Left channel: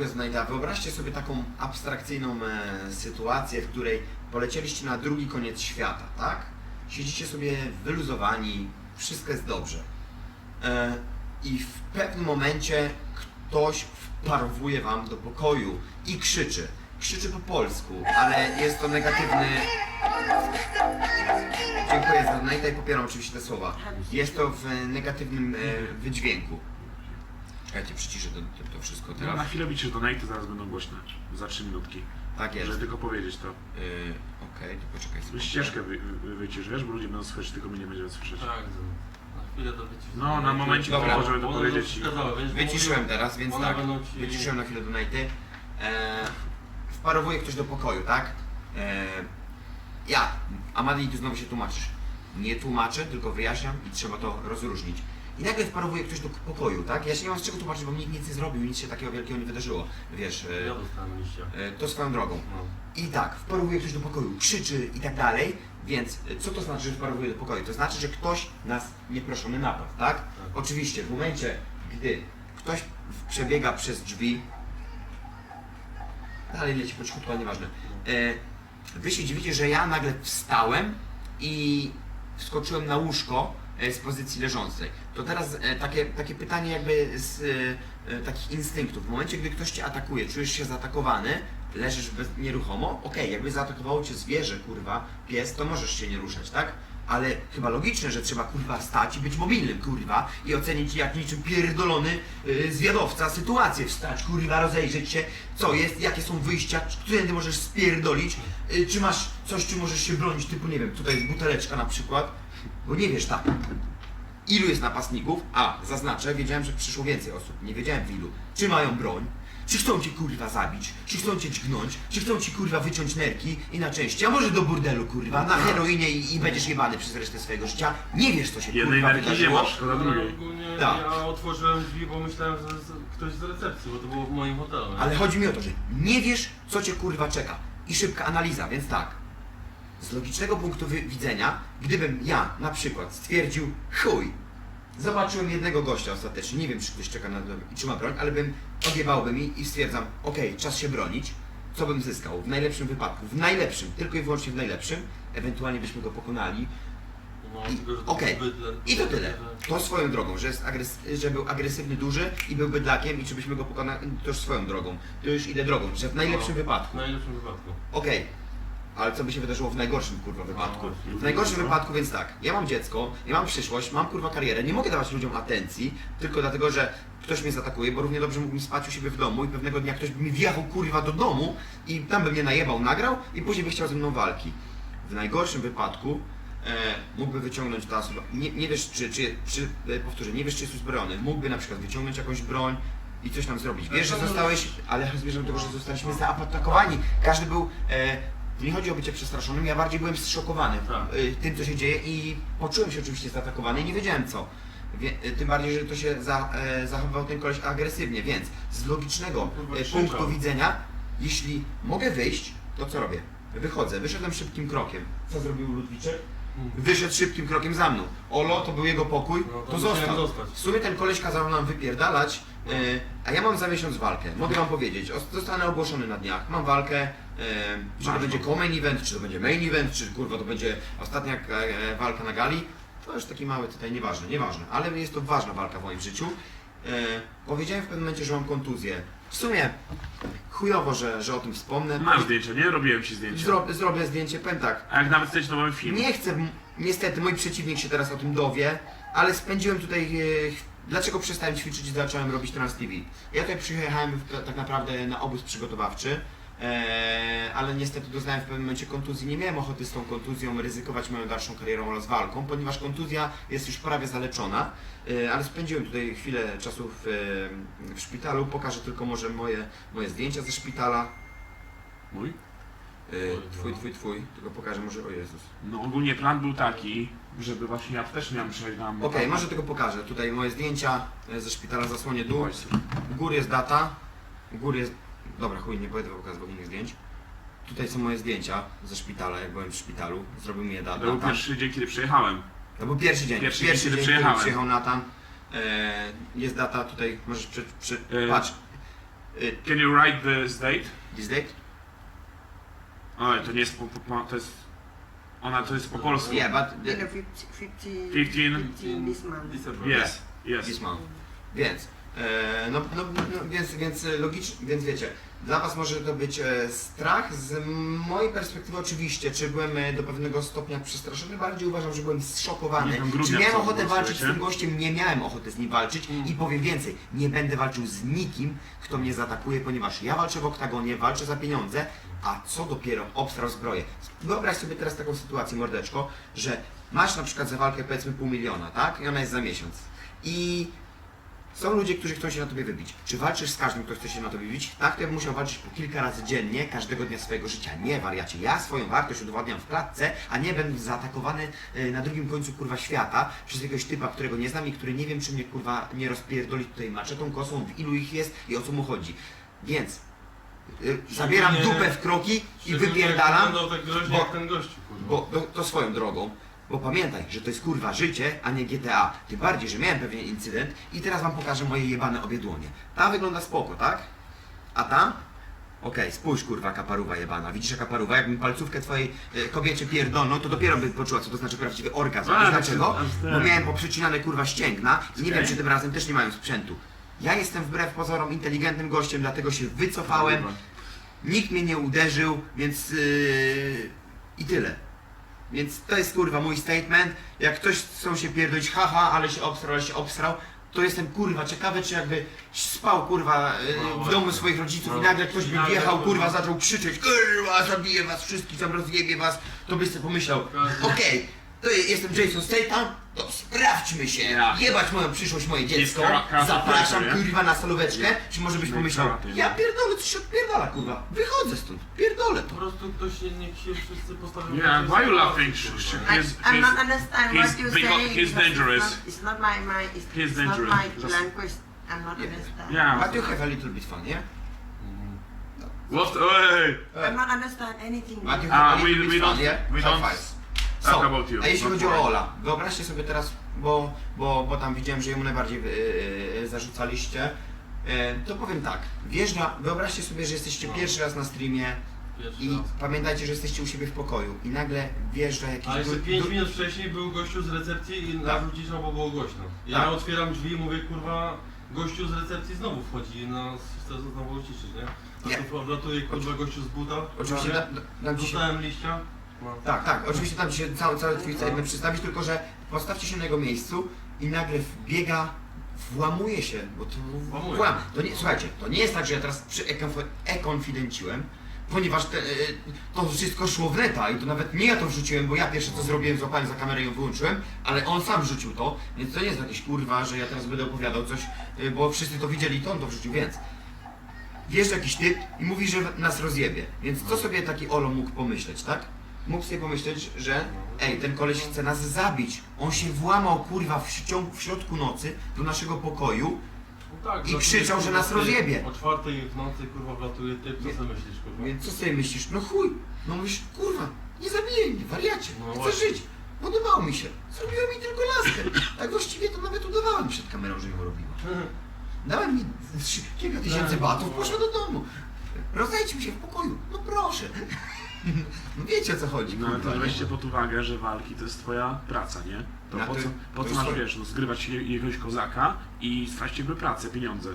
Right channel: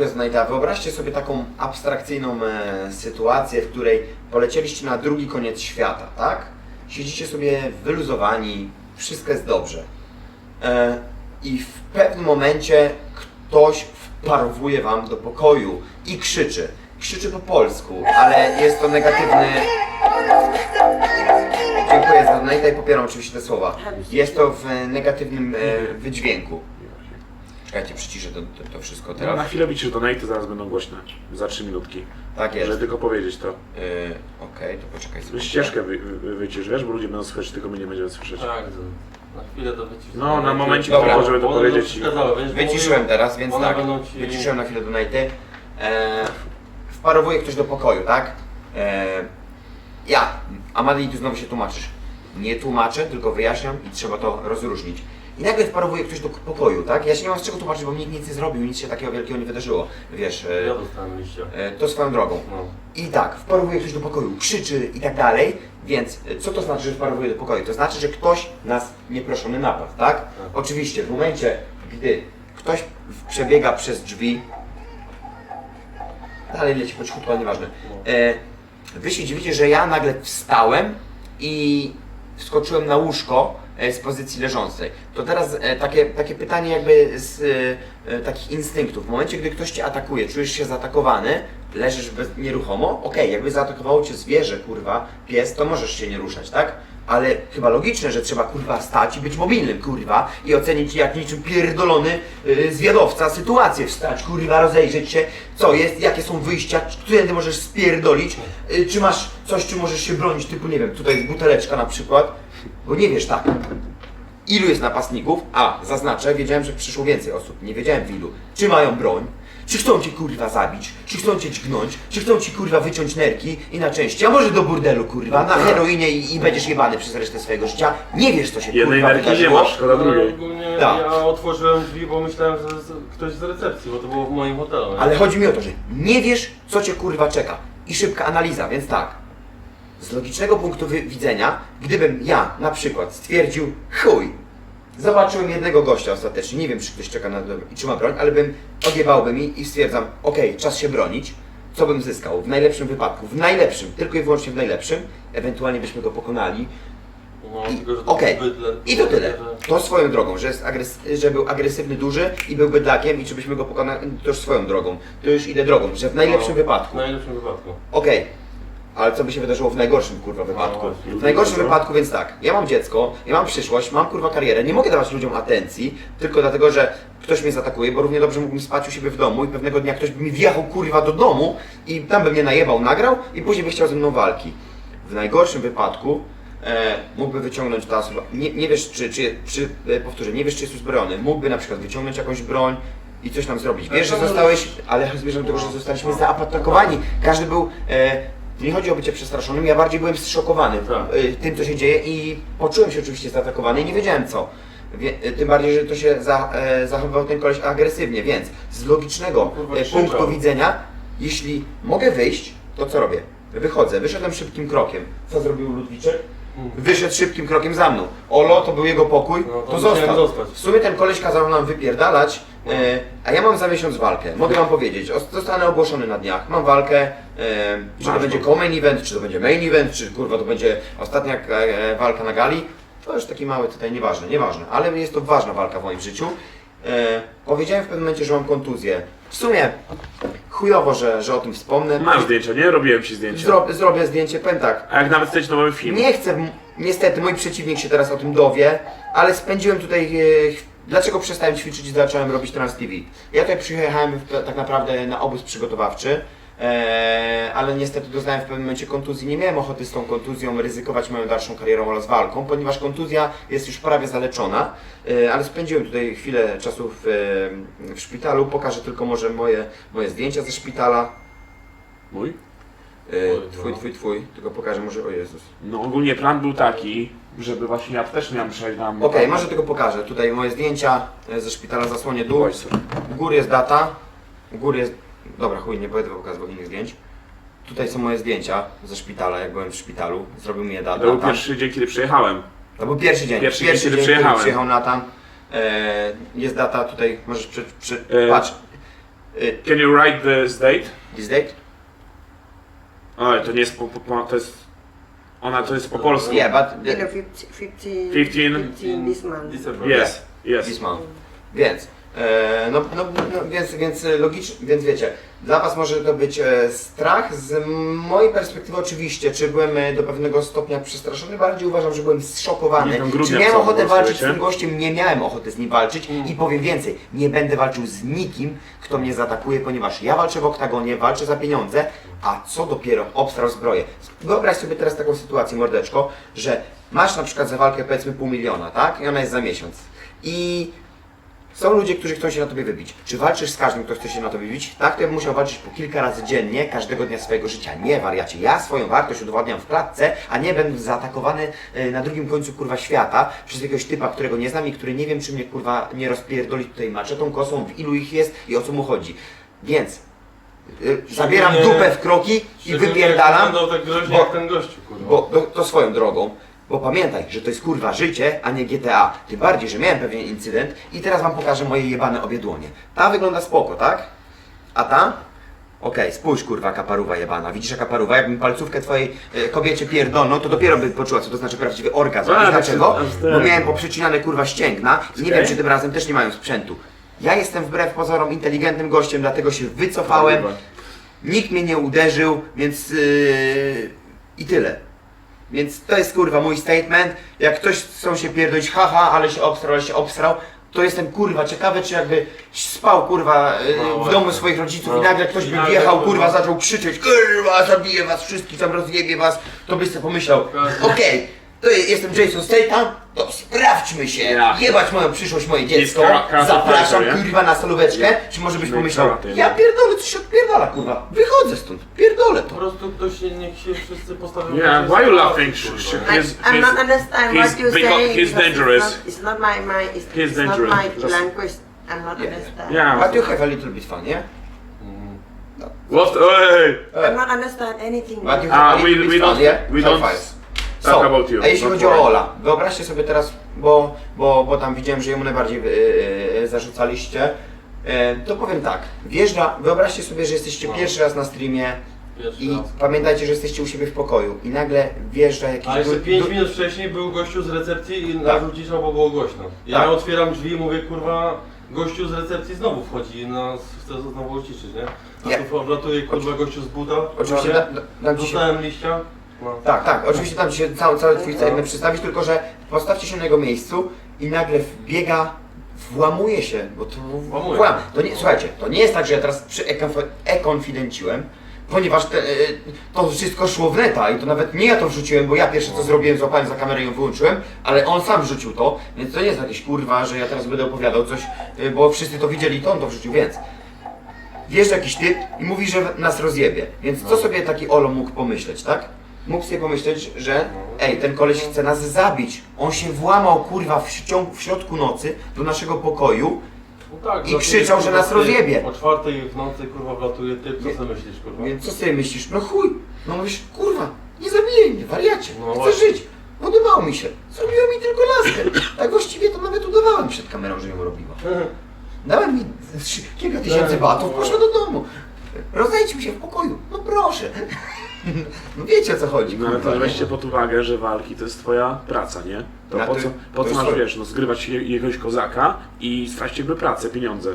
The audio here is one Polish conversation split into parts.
Znajda, wyobraźcie sobie taką abstrakcyjną e, sytuację, w której polecieliście na drugi koniec świata, tak? Siedzicie sobie wyluzowani, wszystko jest dobrze. E, I w pewnym momencie ktoś wparowuje wam do pokoju i krzyczy. Krzyczy po polsku, ale jest to negatywny. Dziękuję za i popieram oczywiście te słowa. Jest to w negatywnym e, wydźwięku. Czekajcie, przyciszę to, to, to wszystko No, teraz. na chwilę widzisz donate, zaraz będą głośne. Za 3 minutki. Tak jest. Żeby tylko powiedzieć to. Yy, Okej, to poczekaj sobie. Ścieżkę wy, wy, wycisz, wiesz, bo ludzie będą słyszeć, tylko my nie będziemy słyszeć. Tak, na chwilę to wycisz. No, na momencie, Dobra. tylko, żeby to Bo one powiedzieć. będą przeszkadzały, wiesz, bo Wyciszyłem teraz, więc one tak. będą ci- Wyciszyłem na chwilę donaty. E, wparowuje ktoś do pokoju, tak? E, ja, Amadei, tu znowu się tłumaczysz. Nie tłumaczę, tylko wyjaśniam i trzeba to rozróżnić. I nagle wparowuje ktoś do pokoju, tak? Ja się nie mam z czego tłumaczyć, bo nikt nic nie zrobił, nic się takiego wielkiego nie wydarzyło. Wiesz, e, Ja dostałem liścia. e, to swoją drogą. No. I tak, wparowuje ktoś do pokoju, krzyczy i tak dalej, więc y, co to znaczy, że wparowuje do pokoju? To znaczy, że ktoś nas nieproszony napadł, tak? Oczywiście, w momencie, gdy ktoś w- przebiega przez drzwi, dalej leci po cichutku, ale nieważne, e, wy się dziwicie, że ja nagle wstałem i wskoczyłem na łóżko e, z pozycji leżącej. To teraz e, takie, takie pytanie jakby z e, e, takich instynktów. W momencie, gdy ktoś Cię atakuje, czujesz się zaatakowany, leżysz bez, nieruchomo, okej, jakby zaatakowało Cię zwierzę, kurwa, pies, to możesz się nie ruszać, tak? Ale chyba logiczne, że trzeba kurwa stać i być mobilnym, kurwa, i ocenić jak niczym pierdolony yy, zwiadowca sytuację. Wstać, kurwa, rozejrzeć się, co jest, jakie są wyjścia, którędy możesz spierdolić, czy masz coś, czym możesz się bronić, typu, nie wiem, tutaj jest buteleczka na przykład, bo nie wiesz tak, ilu jest napastników, a zaznaczę, wiedziałem, że przyszło więcej osób, nie wiedziałem w ilu, czy mają broń, czy chcą cię kurwa zabić, czy chcą cię dźgnąć, czy chcą ci kurwa wyciąć nerki i na części, a może do burdelu kurwa, na heroinie i, i będziesz jebany przez resztę swojego życia, nie wiesz co się Jednej kurwa nerki nie wydarzyło. masz, szkoda No, drugiej. ogólnie Tak. ja otworzyłem drzwi, bo myślałem, że z- ktoś z recepcji, bo to było w moim hotelu. nie? Ale chodzi mi o to, że nie wiesz, co cię kurwa czeka. I szybka analiza, więc tak. Z logicznego punktu wi- widzenia, gdybym ja na przykład stwierdził, chuj, zobaczyłem jednego gościa ostatecznie, nie wiem, czy ktoś czeka na dom i czy ma broń, ale bym odjebałby mi i stwierdzam, okej, czas się bronić, co bym zyskał? W najlepszym wypadku, w najlepszym, tylko i wyłącznie w najlepszym, ewentualnie byśmy go pokonali, No, i- tylko, to bydle- i to tyle. To swoją drogą, że, jest agres- że był agresywny, duży i był bydlakiem i czy byśmy go pokonali, to już swoją drogą. To już idę drogą, że w najlepszym No, wypadku. W najlepszym wypadku. Okej, ale co by się wydarzyło w najgorszym kurwa wypadku? No. W najgorszym wypadku więc tak, ja mam dziecko, ja mam przyszłość, mam kurwa karierę, nie mogę dawać ludziom atencji, tylko dlatego, że ktoś mnie zaatakuje, bo równie dobrze mógłbym spać u siebie w domu i pewnego dnia ktoś by mi wjechał kurwa do domu i tam by mnie najebał, nagrał i później by chciał ze mną walki. W najgorszym wypadku e, mógłby wyciągnąć ta osoba, nie, nie wiesz czy, czy, czy e, powtórzę, nie wiesz czy jest uzbrojony, mógłby na przykład wyciągnąć jakąś broń i coś tam zrobić. Wiesz, że zostałeś, ale zmierzam do tego, że zostaliśmy zaatakowani. Każdy był, e, nie chodzi o bycie przestraszonym, ja bardziej byłem zszokowany Tak. e, tym, co się dzieje i poczułem się oczywiście zaatakowany i nie wiedziałem co. Wie, e, tym bardziej, że to się za, e, zachowywał ten koleś agresywnie, więc z logicznego Kurwa, e, krzyczał. punktu widzenia, jeśli mogę wyjść, to co robię? Wychodzę, wyszedłem szybkim krokiem. Co zrobił Ludwiczek? Wyszedł szybkim krokiem za mną. Olo, to był jego pokój, No, to to musiałem został. zostać. W sumie ten koleś kazał nam wypierdalać, e, a ja mam za miesiąc walkę. Mogę wam powiedzieć, o- zostanę ogłoszony na dniach. Mam walkę, e, czy to będzie co-main event, czy to będzie main event, czy kurwa to będzie ostatnia e, walka na gali. To już taki mały tutaj, nieważne, nieważne, ale jest to ważna walka w moim życiu. E, powiedziałem w pewnym momencie, że mam kontuzję. W sumie chujowo, że, że o tym wspomnę. Masz zdjęcia, nie? Robiłem ci zdjęcia. Zro, zrobię zdjęcie, powiem tak, A jak nawet chcesz, to mamy film. nie chcę, niestety mój przeciwnik się teraz o tym dowie, ale spędziłem tutaj. E, ch- dlaczego przestałem ćwiczyć i zacząłem robić Trans TV? Ja tutaj przyjechałem w, tak naprawdę na obóz przygotowawczy, e, ale niestety doznałem w pewnym momencie kontuzji. Nie miałem ochoty z tą kontuzją ryzykować moją dalszą karierą oraz walką, ponieważ kontuzja jest już prawie zaleczona, e, ale spędziłem tutaj chwilę czasu w, e, w szpitalu. Pokażę tylko może moje, moje zdjęcia ze szpitala. Mój? Twój, twój, twój, tylko pokażę może, o Jezus. No ogólnie plan był taki, żeby właśnie ja też miałem przejść na... Okej, może tylko pokażę. Tutaj moje zdjęcia e, ze szpitala zasłonie dół. U góry jest data. U góry jest. Dobra, chuj, nie będę pokazywał innych zdjęć. Tutaj są moje zdjęcia ze szpitala, jak byłem w szpitalu. Zrobił mi je To był Natan. pierwszy dzień, kiedy przyjechałem. To był pierwszy dzień. Pierwszy Pierwszy, dzień, dzień, kiedy kiedy przyjechałem. przyjechał Natan. E, jest data tutaj, możesz przy, przy, E, patrz. Y, Can you write this date? This date? Ale to nie jest po, po, po to jest... Ona to jest po polsku. Yeah, but You the, know, 15, 15, 15 15 this month. December. Yes, yes. this month. Więc, e, no, no, no więc, więc logicznie, więc wiecie, dla Was może to być e, strach. Z mojej perspektywy oczywiście, czy byłem e, do pewnego stopnia przestraszony, bardziej uważam, że byłem zszokowany. Czy miałem ochotę walczyć z tym gościem? Nie miałem ochoty z nim walczyć i powiem więcej, nie będę walczył z nikim, kto mnie zaatakuje, ponieważ ja walczę w oktagonie, walczę za pieniądze, a co dopiero obstrał zbroję. Wyobraź sobie teraz taką sytuację, mordeczko, że masz na przykład za walkę powiedzmy pół miliona, tak? I ona jest za miesiąc. I są ludzie, którzy chcą się na tobie wybić. Czy walczysz z każdym, kto chce się na tobie wybić? Tak, to ja bym musiał walczyć po kilka razy dziennie, każdego dnia swojego życia. Nie, wariacie. Ja swoją wartość udowadniam w klatce, a nie będę zaatakowany e, na drugim końcu kurwa świata przez jakiegoś typa, którego nie znam i który nie wiem, czy mnie kurwa nie rozpierdoli tutaj maczetą, kosą, w ilu ich jest i o co mu chodzi. Więc e, zabieram dupę w kroki i wypierdalam. Tak groźnie bo- jak ten gościu, kurwa. Bo to swoją drogą. Bo pamiętaj, że to jest kurwa życie, a nie GTA. Tym bardziej, że miałem pewien incydent i teraz wam pokażę moje jebane obie dłonie. Ta wygląda spoko, tak? A ta? Okej, spójrz kurwa kaparuwa jebana. Widzisz jaka paruwa? Jakbym palcówkę twojej e, kobiecie pierdolną, to dopiero by poczuła, co to znaczy prawdziwy orgazm. A, Wiesz tak dlaczego? aż tak. Bo miałem poprzecinane kurwa ścięgna i nie wiem, czy tym razem też nie mają sprzętu. Ja jestem wbrew pozorom inteligentnym gościem, dlatego się wycofałem. Nikt mnie nie uderzył, więc yy, i tyle. Więc to jest kurwa mój statement. Jak ktoś chcą się pierdolić, haha, ale się obstrał, ale się obstrał, to jestem kurwa ciekawy, czy jakby spał kurwa yy, No w domu swoich rodziców i No. nagle ktoś by wjechał, kurwa. kurwa, zaczął krzyczeć, kurwa, zabiję was wszystkich, tam rozjebie was, to byś sobie pomyślał, okej, to jestem Jason Statham, to sprawdźmy się, Ja. jebać moją przyszłość, moje dziecko, kara- zapraszam nie? kurwa na solóweczkę, Ja. czy może byś No i pomyślał, ja pierdolę, coś się odpierdala, kurwa, wychodzę stąd, pierdolę Po to. prostu ktoś się, niech się wszyscy postawią Yeah, why you laughing? Sh- nie? I, He's- I'm not he's- understand he's what you beca- say. he's because dangerous. It's not, it's not my, my it's, He's it's dangerous. not my Just- language. I'm not Yeah. understand. Yeah. But you have a little bit fun, yeah? What? Hey! I'm not understand anything. But you Ah, have a we- little we bit fun, don't- yeah? we High don't five. Talk So, about you, a jeśli chodzi o. Ola, wyobraźcie sobie teraz, bo, bo, bo tam widziałem, że jemu najbardziej yy, zarzucaliście, yy, to powiem tak, wjeżdża, wyobraźcie sobie, że jesteście No. pierwszy raz na streamie Pierwszy i raz. pamiętajcie, że jesteście u siebie w pokoju i nagle wjeżdża jakiś... A jeszcze du- 5 du- minut wcześniej był gościu z recepcji i Tak. nas uciszał, bo było głośno. Ja Tak. otwieram drzwi i mówię, kurwa, gościu z recepcji znowu wchodzi i nas chce znowu uciszyć, nie? A Nie. tu wlatuje, kurwa, gościu z buta. Oczywiście prawie. da, da, dam ci się... Dostałem liścia. No. Tak, tak, oczywiście tam się cały, cały twój No. statement przedstawić, tylko że postawcie się na jego miejscu i nagle wbiega, włamuje się, bo to Włamuje. włam. To nie, słuchajcie, to nie jest tak, że ja teraz przy ekonf- ekonfidenciłem, ponieważ te, e, to wszystko szło w neta i to nawet nie ja to wrzuciłem, bo ja pierwsze co zrobiłem, złapałem za kamerę i ją wyłączyłem, ale on sam wrzucił to, więc to nie jest jakieś kurwa, że ja teraz będę opowiadał coś, e, bo wszyscy to widzieli, to on to wrzucił, więc wjeżdża jakiś typ i mówi, że nas rozjebie. Więc co sobie taki Olo mógł pomyśleć, tak? Mógł sobie pomyśleć, że ej, ten koleś chce nas zabić. On się włamał, kurwa, w, w środku nocy do naszego pokoju. No tak, I wlatuje, krzyczał, że kurwa, nas rozjebie. O czwartej w nocy, kurwa, wlatuje typ, co Nie. sobie myślisz, kurwa? Więc co sobie myślisz? No chuj. No mówisz, kurwa, nie zabijaj mnie, wariacie. No Chcę właśnie. żyć. Podobało mi się. Zrobiło mi tylko laskę. Tak właściwie to nawet udawałem przed kamerą, że ją robiła. Dałem mi trzy- kilka tysięcy batów, no. poszła do domu. Rozejdźmy się w pokoju. No proszę. No wiecie o co chodzi, No ale kurwa. to nie? weźcie pod uwagę, że walki to jest twoja praca, nie? To po to- co, to po co jest masz, twoje. wiesz, no zgrywać je- jakiegoś kozaka i stracić jakby pracę, pieniądze.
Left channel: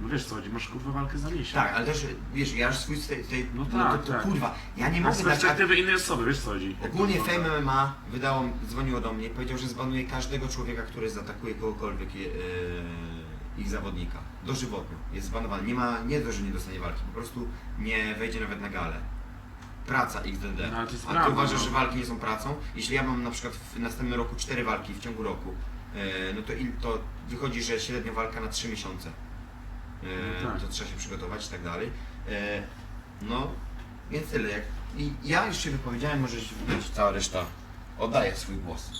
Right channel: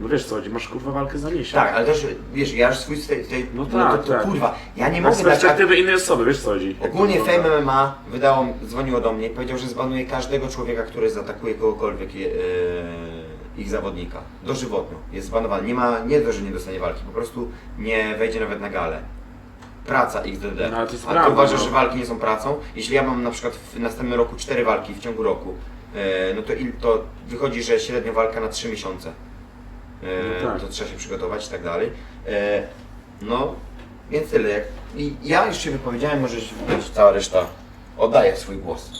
No wiesz co chodzi, masz kurwa walkę za miesiąc. Tak, ale też, wiesz, ja już swój tej, tej No no, tak, to, to tak. kurwa, ja nie mogę z dać... perspektywy innej osoby, wiesz co chodzi. Ogólnie Jak to Fame. MMA wydało, dzwoniło do mnie i powiedział, że zbanuje każdego człowieka, który zaatakuje kogokolwiek e, ich zawodnika. Dożywotnio. Jest zbanowany. Nie ma, nie to, że nie dostanie walki, po prostu nie wejdzie nawet na galę. Praca XDD. No, ale to jest A ty prawda, uważasz, no. że walki nie są pracą? Jeśli ja mam na przykład w następnym roku cztery walki w ciągu roku, e, no to, il, to wychodzi, że średnio walka na trzy miesiące. E, No tak. To trzeba się przygotować i tak dalej. E, no, więc tyle. Jak, I ja już się wypowiedziałem, możesz wypowiedzieć, cała reszta oddaje swój głos.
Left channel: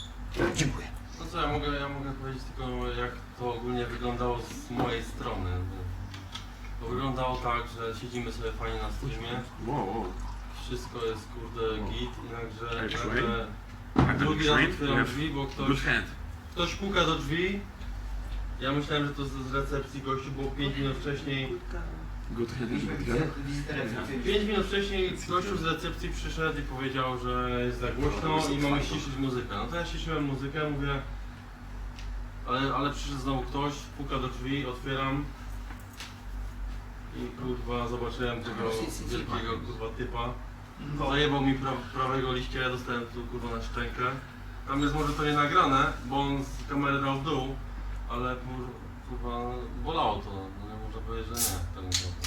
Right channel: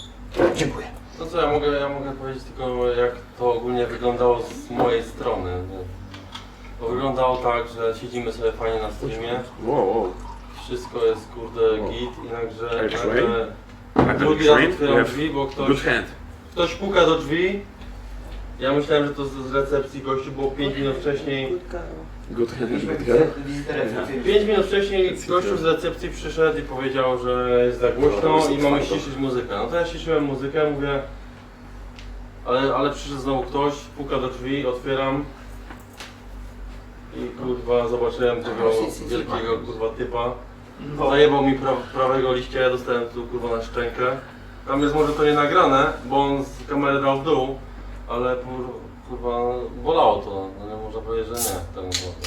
Dziękuję. No co, ja mogę, ja mogę powiedzieć tylko jak to ogólnie wyglądało z mojej strony. Bo wyglądało tak, że siedzimy sobie fajnie na streamie, Wow, wow. Wszystko jest kurde git i nagle, nagle drugi raz otwieram drzwi, bo ktoś, hand. ktoś puka do drzwi. Ja myślałem, że to z z recepcji gościu, bo 5 minut wcześniej Good recepcyjną. 5 minut wcześniej gościu z recepcji przyszedł i powiedział, że jest za głośno i mamy ściszyć muzykę. No to ja ściszyłem muzykę, mówię... Ale, ale przyszedł znowu ktoś, puka do drzwi, otwieram. I kurwa zobaczyłem tego wielkiego kurwa typa. Zajebał mi pra prawego liścia, ja dostałem tu kurwa na szczękę. Tam jest może to nie nagrane, bo on z kamery dał w dół, ale kur- kurwa bolało to. No nie można powiedzieć, że nie. Tak naprawdę.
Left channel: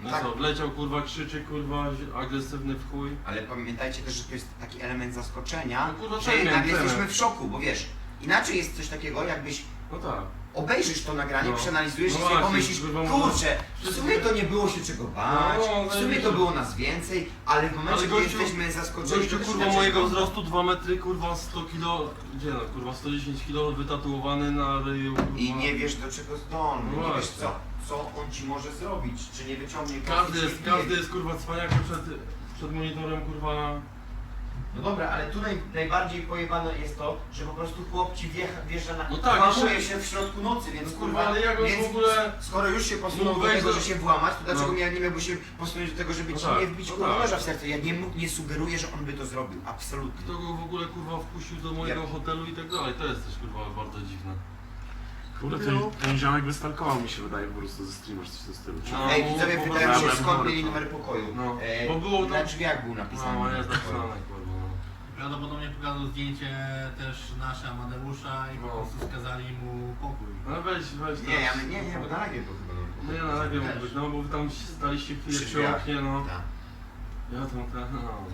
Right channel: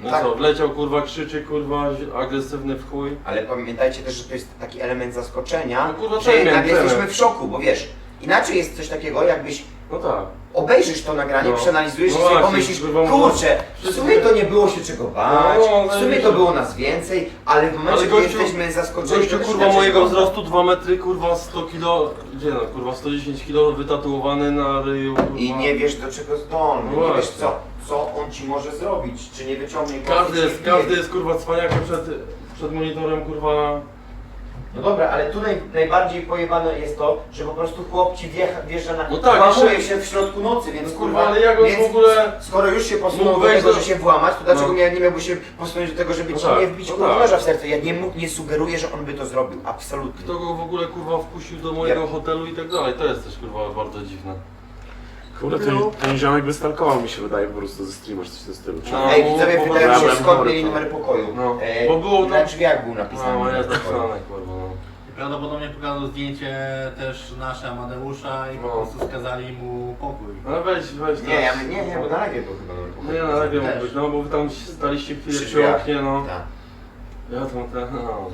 No Tak. co, wleciał kurwa, krzyczy kurwa, agresywny w chuj. Ale pamiętajcie też, że to jest taki element zaskoczenia, No kurwa, że ten. jesteśmy w szoku, bo wiesz, inaczej jest coś takiego, jakbyś No tak. obejrzysz to nagranie, No. przeanalizujesz No i sobie właśnie, pomyślisz, kurwa, kurczę, w sumie to nie było się czego bać, No, w sumie to zajebiście. było nas więcej, ale w momencie, Ale gdy gościu- jesteśmy zaskoczeni, Gościu to kurwa inaczej mojego wygląda. wzrostu 2 metry, kurwa 100 kilo, gdzie no, kurwa 110 kilo wytatuowany na ryju. Kurwa. I nie wiesz do czego zdolny, No nie wiesz właśnie. co, co on ci może zrobić, czy nie wyciągnie kosy, Każdy czy jest, nie każdy jest kurwa cwaniakiem przed, przed monitorem kurwa. No dobra, ale tu naj, najbardziej pojebane jest to, że po prostu chłop ci wjecha, wjeżdża na... No tak, włamuje jeszcze- się w środku nocy, więc No kurwa... ale jak on więc w ogóle- Skoro już się posunął Mógł do wejść tego, do- że się włamać, to dlaczego No. nie, nie miałby się posunąć do tego, żeby No ci tak, nie wbić no kurwa tak. noża w serce? Ja nie, mu- nie sugeruję, że on by to zrobił, absolutnie. Kto go w ogóle kurwa wpuścił do mojego Ja- hotelu i tak dalej. To jest też kurwa bardzo dziwne. Kurde, ten, ten ziomek by stalkował mi się wydaje po prostu ze streama, czy coś w tym stylu. No. Ej, widzowie bo- pytają się Dobra, skąd dobra. mieli numer pokoju. No, E, bo było na tam- drzwiach był napisany No, numer jest pokoju. napisane kurwa. No. I prawdopodobnie pokazał zdjęcie też nasze Amadeusza i po No. prostu skazali mu pokój. No weź, weź Nie, teraz. ja, nie, nie, bo na live był chyba numer No pokoju. nie, na razie mógł Też. być, no bo wy tam staliście chwilę Przy przy drzwiach. oknie, no. Tak. Ja tam te, no.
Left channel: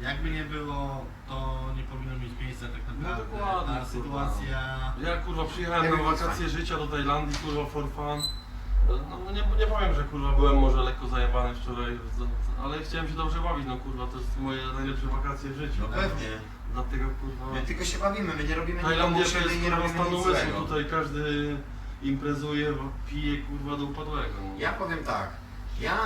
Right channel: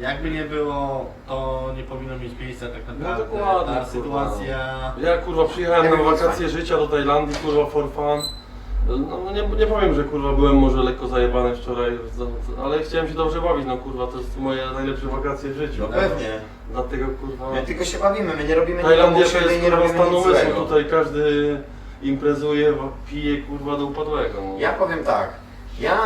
Jakby nie było, to nie powinno mieć miejsca tak naprawdę. No dokładnie, Ta kurwa. sytuacja... Ja kurwa przyjechałem Ja na wakacje życia do Tajlandii, kurwa for fun. No nie, nie powiem, że kurwa byłem może lekko zajebany wczoraj, za- ale chciałem się dobrze bawić, no kurwa to jest moje najlepsze wakacje w życiu. No pewnie. Dlatego kurwa... My tylko się bawimy, my nie robimy nikomu Tajlandia to krzywdy i jest nie kurwa robimy stan nic umysłu, złego. tutaj każdy imprezuje, pije kurwa do upadłego. No. Ja powiem tak, ja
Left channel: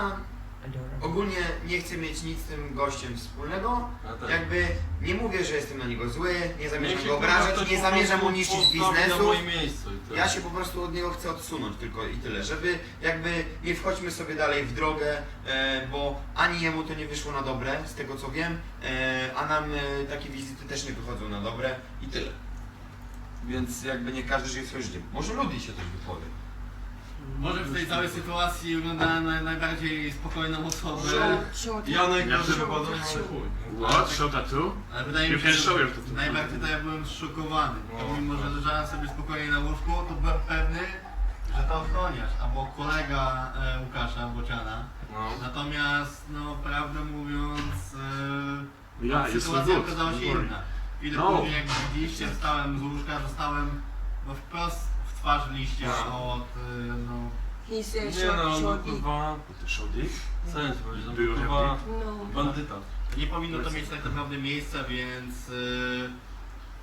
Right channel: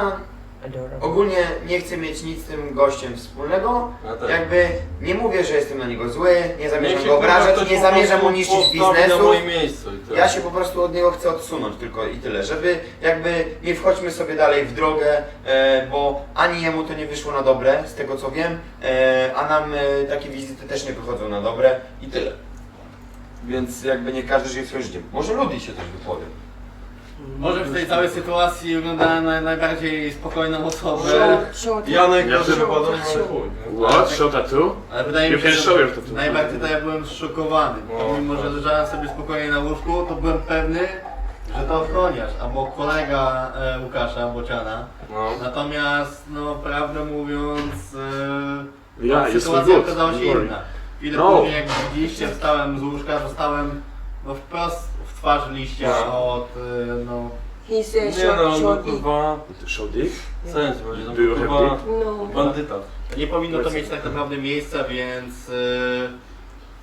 ogólnie nie chcę mieć nic z tym gościem wspólnego, Ja też. jakby nie mówię, że jestem na niego zły, nie Niech zamierzam się, go kurwa, obrażać, ktoś nie po zamierzam mu prostu niszczyć postawi biznesu. i tyle. Ja się po prostu od niego chcę odsunąć tylko i tyle, żeby jakby nie wchodźmy sobie dalej w drogę, e, bo ani jemu to nie wyszło na dobre, z tego co wiem, e, a nam e, takie wizyty też nie wychodzą na dobre i tyle. Więc jakby nie każdy żyje swoim życiem. Może Ludi się też wypowie. Może w tej całej sytuacji wyglądałem na najbardziej spokojną osobę. Janek Ja też- wypadał na chuj. nie? What? Show tattoo? ale wydaje You mi się, can że show your tattoo. najbardziej to ja byłem zszokowany. No, Pomimo, że leżałem sobie spokojnie na łóżku, to byłem pewny, że to ochroniarz, albo kolega e, Łukasza Bociana. No. Natomiast, no prawdę mówiąc, e, Ja, no, jest sytuacja good. okazała się don't worry. inna. Chwilę No. później, jak widzieliście, wstałem z łóżka, dostałem no, wprost twarz liścia No. od, e, no, He said Nie short, no, no kurwa, sens będzie, no Było kurwa, happy? No. bandyta. nie powinno to mieć tak naprawdę miejsca, więc e,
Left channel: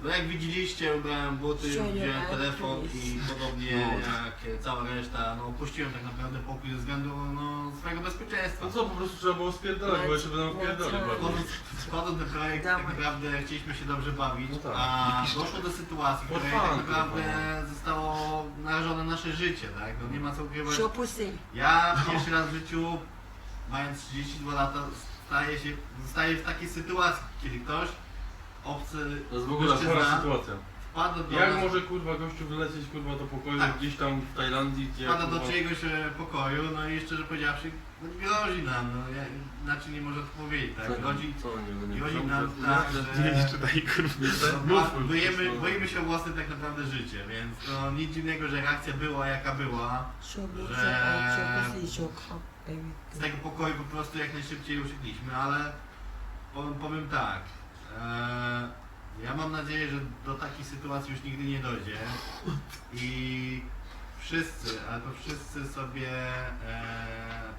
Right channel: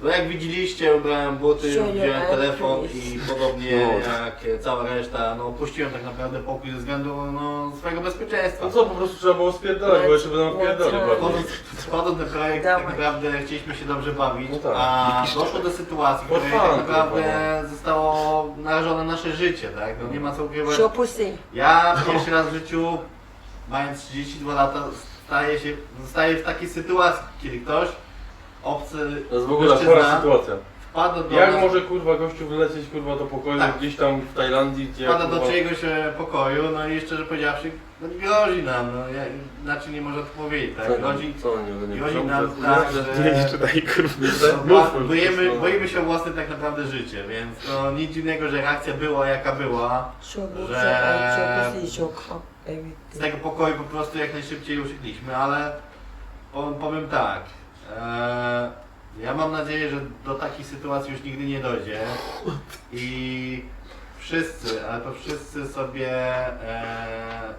no jak widzieliście, ubrałem buty, Sure, wziąłem yeah, telefon i podobnie No. jak cała reszta, no opuściłem tak naprawdę pokój ze względu no, swojego bezpieczeństwa. No co, po prostu trzeba było spierdalać, bo jeszcze by nam wpierdali bardziej. Wchodząc, wchodząc ten projekt, Dawaj. tak naprawdę chcieliśmy się dobrze bawić, No tak. a doszło do sytuacji, w której tak naprawdę kurwa, zostało narażone nasze życie, tak? No nie ma co ukrywać. Pussy. Ja pierwszy raz w życiu, mając 32 lata, staję się, zostaję w takiej sytuacji, kiedy ktoś obcy To jest w ogóle mężczyzna chora sytuacja. wpada do, Jak nas, może kurwa gościu wylecieć kurwa do pokoju Tak. gdzieś tam w Tajlandii, gdzie wpada do kurwa... czyjegoś e, pokoju, no i szczerze powiedziawszy, no grozi nam, no ja, inaczej nie można to powiedzieć, tak? Grozi, Co nie, nie grozi nie- nam tak, że... czytaj, kurwa. No, Mów, mów. boimy, boimy się o własne tak naprawdę życie, więc no nic dziwnego, że reakcja była jaka była. Że- Z tego pokoju po prostu jak najszybciej uciekliśmy, ale powiem, powiem tak. E, ja mam nadzieję, że do takiej sytuacji już nigdy nie dojdzie. I wszyscy, ale to wszyscy sobie e,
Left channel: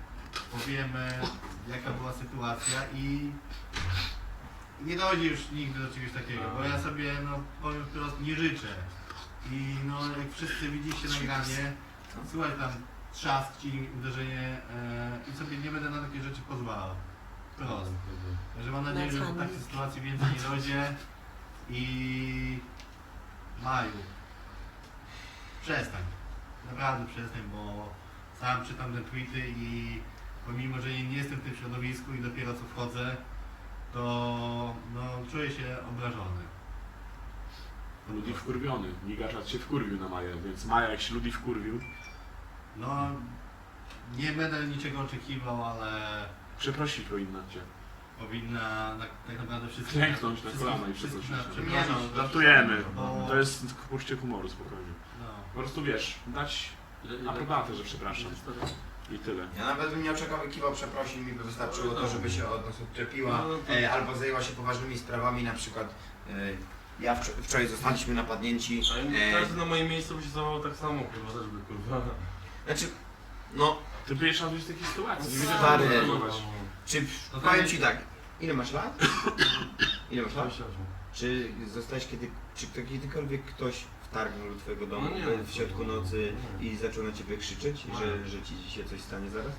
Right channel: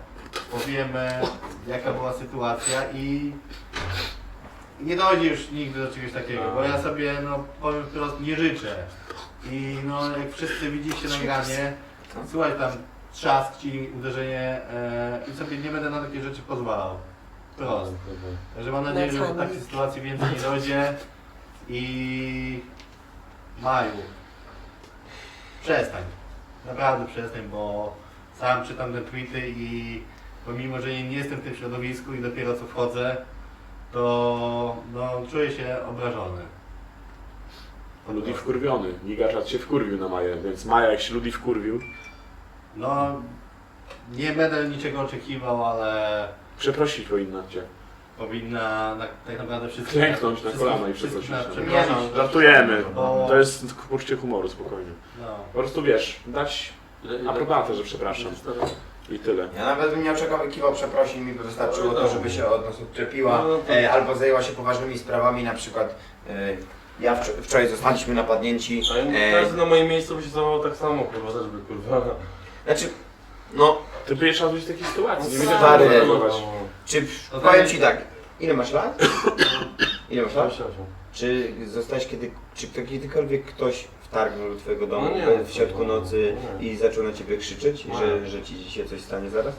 powiemy jaka była sytuacja i i nie dojdzie już nigdy do czegoś takiego, bo ja sobie no powiem wprost nie życzę. I no jak wszyscy widzicie nagranie, słuchaj tam trzask ci, uderzenie e, i sobie nie będę na takie rzeczy pozwalał. Prost. Także mam nadzieję, że do takiej sytuacji więcej nie dojdzie i Maju. Przestań. Naprawdę przestań, bo sam czytam te tweety i pomimo, że nie jestem w tym środowisku i dopiero co wchodzę, to no, czuję się obrażony. Ludi wkurwiony. Gigaczat się wkurwił na Maję, więc Maja jak się Ludi wkurwił, No, nie będę niczego oczekiwał, ale przeprosić powinna cię. powinna na, tak naprawdę wszystko... Klęknąć na wszystkich- kolana i wszystkich przeprosić. nas Nie przeprosić. no, Żartujemy. Bo- To jest poczucie humoru, spokojnie. No. Po prostu wiesz, dać aprobatę, że przepraszam. i tyle. Ja nawet bym nie oczekiwał przeprosin, mi by wystarczyło to, żeby się od nas odczepiła, No, to- e, albo zajęła się poważnymi sprawami, na przykład e, ja wczor- wczoraj zostaliśmy napadnięci. A ja- E, Każdy na moim miejscu by się zachował tak samo, kurwa, też by kurwa. znaczy, no, Ty by jeszcze raz być w takiej sytuacji, nie wiedział Stary. jak reagować. czy No powiem nie- ci tak, ile masz lat? Ile masz lat? Czy zostałeś kiedy, czy to kiedykolwiek ktoś wtargnął do twojego domu No nie, w środku no, nocy nie. i zaczął na ciebie krzyczeć, Nie. że, że ci się coś stanie zaraz?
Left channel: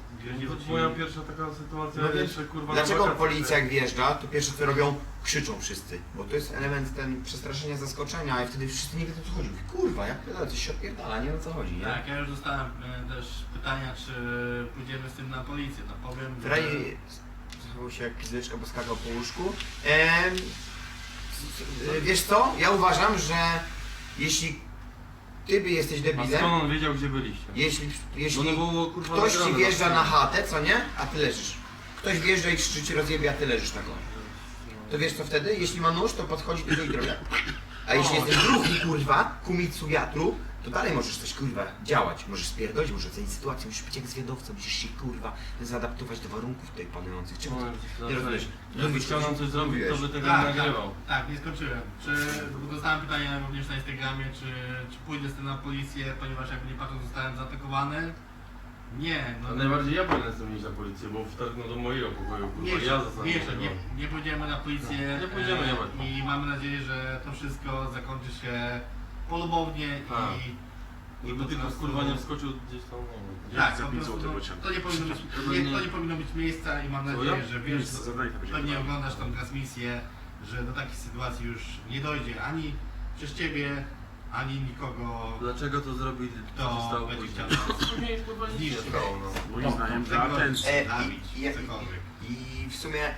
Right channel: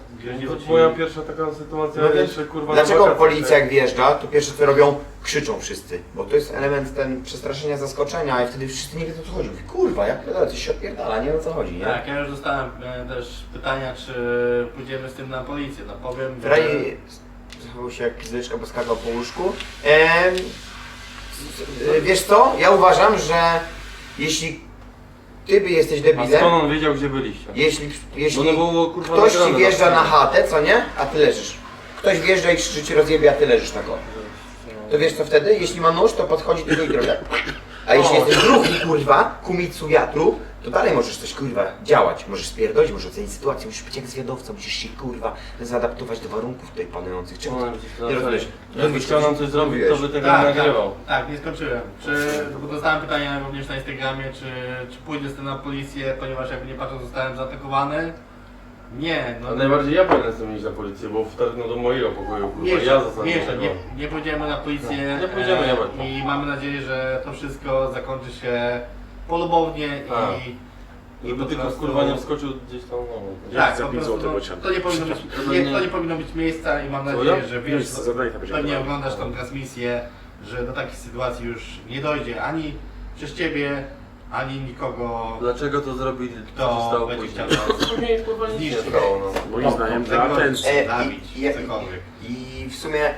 To moja pierwsza taka sytuacja, No więc jeszcze kurwa... Dlaczego policja jak wjeżdża, to pierwsze co robią, krzyczą wszyscy, bo to jest element ten przestraszenia, zaskoczenia i wtedy wszyscy nie wiedzą o co chodzi. Mówię, kurwa, jak pierdolę, coś się odpierdala, nie wiem o co chodzi, nie? Tak, ja już dostałem e, też pytania, czy pójdziemy z tym na policję. No powiem, że... Ferrari zachował się jak pizdeczka, bo skakał po łóżku. Em, s- wiesz co, ja uważam, że jeśli ty by jesteś A debilem, skąd on wiedział, gdzie byliście? jeśli, Bo jeśli no było kurwa ktoś ci nagrane wjeżdża na stronie. chatę, co nie, a ty leżysz. Ktoś wjeżdża i krzyczy ci rozjebie, a ty leżysz tak o. To wiesz co wtedy? Jeśli ma nóż, to podchodzi tylko i tak. A jeśli O. jesteś drugi, kurwa, kumicu wiatru, to dalej możesz coś, kurwa, działać. Możesz spierdolić, możesz ocenić sytuację, musisz być jak zwiadowca, musisz się, kurwa, zaadaptować do warunków tutaj panujących. Czemu No, ty nie rozumiesz? Jakby chciał nam coś zrobić, to by tego nie Tak, tak, nagrywał. tak, nie skończyłem. Czy, bo dostałem pytania również na Instagramie, czy, czy pójdę z tym na policję, ponieważ jakby nie patrzę, zostałem zaatakowany. Nie, no A najbardziej ja powinien z tym iść na policję, bo wtargnął do mojego pokoju, kurwa, nie, ja nie, zostałem. nie, nie, nie pójdziemy na policję Nie pójdziemy, e, i mamy nadzieję, że to wszystko zakończy się polubownie Tak. i, i Żeby po tylko prostu- kurwa nie wskoczył gdzieś tam, no. Tak, po prostu, no, to nie powinno być, nie, to nie powinno być miejsca i mam Co, nadzieję, ja? że wiesz, Miejsce, zadanie to będzie pewnie oglądasz tą transmisję, że do takich sytuacji już nie dojdzie ani przez ciebie, ani nikogo, Dlaczego to zrobili, co się kto stało będzie później? chciał nas Później kurwa nic się nie zniszczyć. stało, no. Moim zdaniem dla Tego- atencji. E, zabić, i, i, cokolwiek. I w sumie,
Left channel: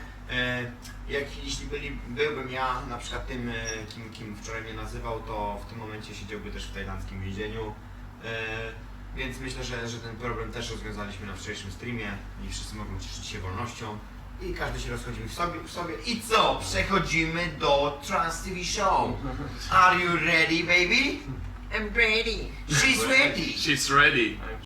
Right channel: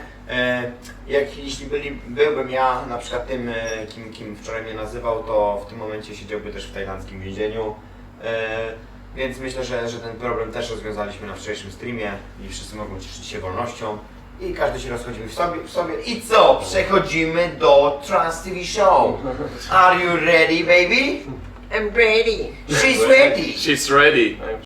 jak jeśli byli, byłbym ja na przykład tym, e, kim, kim wczoraj mnie nazywał, to w tym momencie siedziałby też w tajlandzkim więzieniu. E, więc myślę, że, że ten problem też rozwiązaliśmy na wczorajszym streamie i wszyscy mogą cieszyć się wolnością. I każdy się rozchodzimy w sobie, w sobie. I co? Przechodzimy do Trans TV Show. Are you ready, baby? I'm ready. She's ready. She's ready.